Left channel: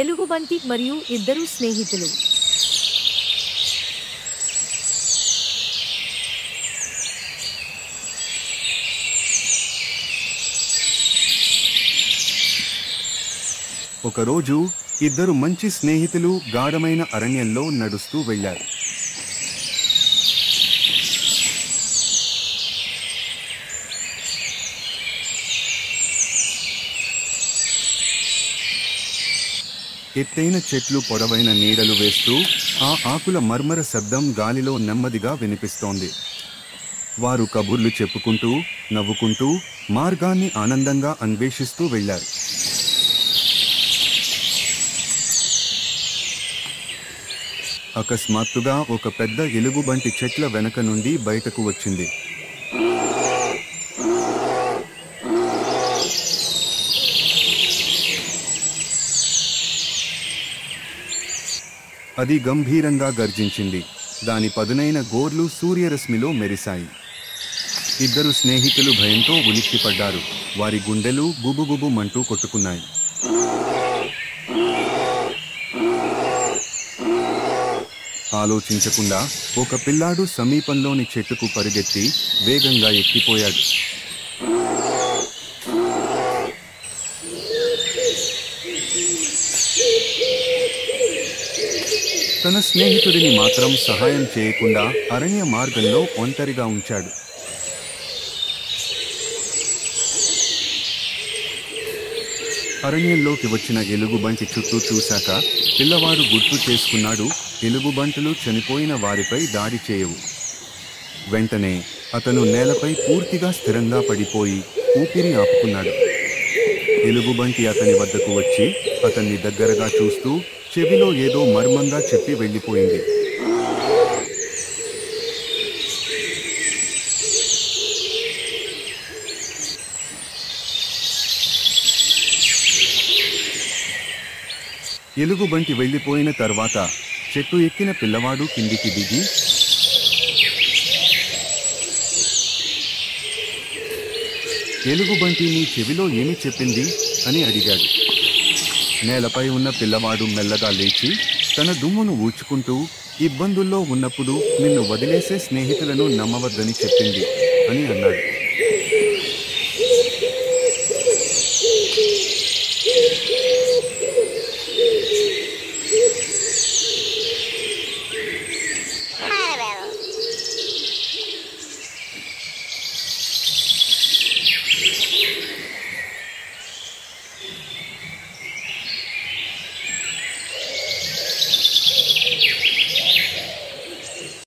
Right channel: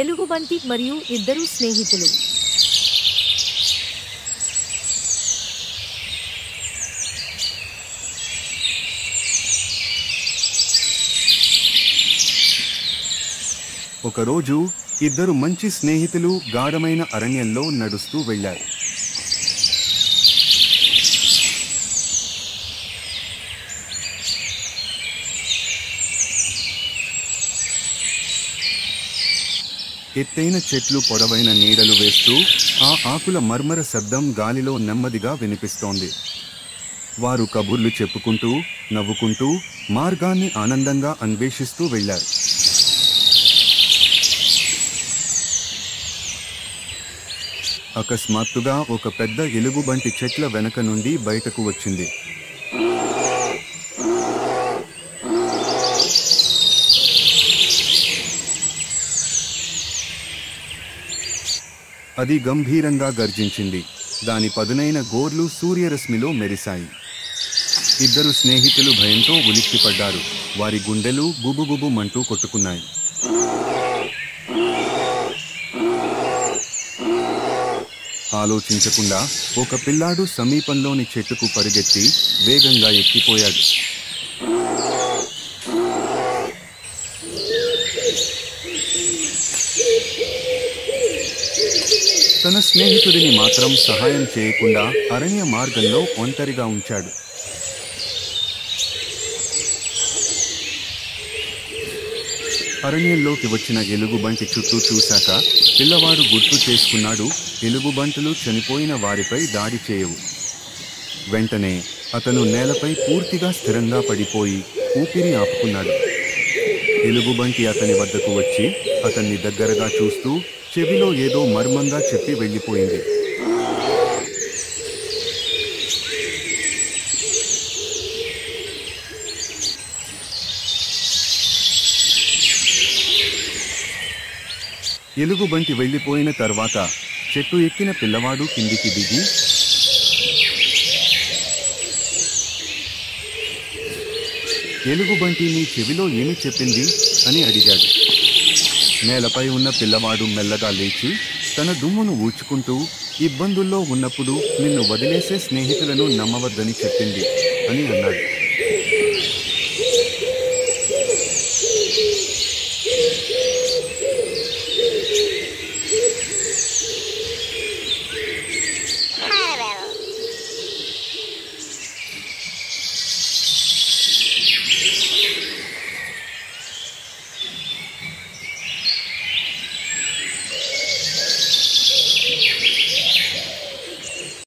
ఎలుగుబంటి మరియు ఇద్దరు స్నేహితులు. ఒకరోజు ఇద్దరు మంచి స్నేహితులు గాఢమైన అరణ్యంలో నడుస్తూ వెళ్లారు. ఎత్తైన చెట్లు పొడవైన నీడలు వేస్తూ ఆ ఆకుల మర్మర శబ్దం గాలిలో నెమ్మదిగా వినిపిస్తోంది. వారు కబుర్లు చెప్పుకుంటూ నవ్వుకుంటూ మార్గాన్ని ఆనందంగా అన్వేషిస్తూ వెళ్లారు. అకస్మాత్తుగా ఒక పెద్ద ఎలుగుబంటి చెట్ల వెనక నుండి బయటకు వచ్చింది. అది గంభీరంగా గర్జించింది. దాని పదునైన గోర్లు సూర్యరశ్మిలో మెరిశాయి. ఇద్దరు స్నేహితులు భయంతో ఉలిక్కిపడ్డారు. వారి గుండెలు గుబుగుబుమంటూ కొట్టుకున్నాయి. ఆలోచించకుండా ఒక పిల్లాడు సమీపంలోని చెట్టుకు పరిగెత్తి వేగంగా ఎక్కిపోయాడు. తన స్నేహితుడిని మాత్రం సహాయం చేయకుండా అరణ్య మార్గంలో ఒంటరిగా ఉంచాడు. అరణ్యంలోకి వచ్చిన ఎలుగుబంటి చుట్టూ చూశాక పిల్లవాడు గుర్తు చేసుకున్నాడు, ఎలుగుబంటులు చనిపోయిన వారిపై దాడి చేయవు. వెంటనే అతను నేలపై పూర్తిగా స్థిరంగా పడిపోయి ఊపిరి ఆపుకున్నాడు. ఎలుగుబంటి అతని వద్దకు వచ్చి అతన్ని దగ్గరగా చూస్తూ చెవిలో ఏదో మర్మంగా చెప్పి వెళ్ళిపోయింది. ఎలుగుబంటి వెళ్ళిపోయిన తర్వాత చెట్టు ఎక్కిన పిల్లవాడు కిందికి దిగి ఎలుగుబంటి నీ చెవిలో ఏమి చెప్పింది అని అడిగాడు. నేలపై ఉన్న పిల్లవాడు మెల్లగా లేచి తన దుమ్మును ఊడ్చుకుంటూ ఇబ్బందుల్లో ఉన్నప్పుడు నిన్ను వదిలేసే స్నేహితులను నమ్మవద్దని చెప్పింది అని అన్నాడు.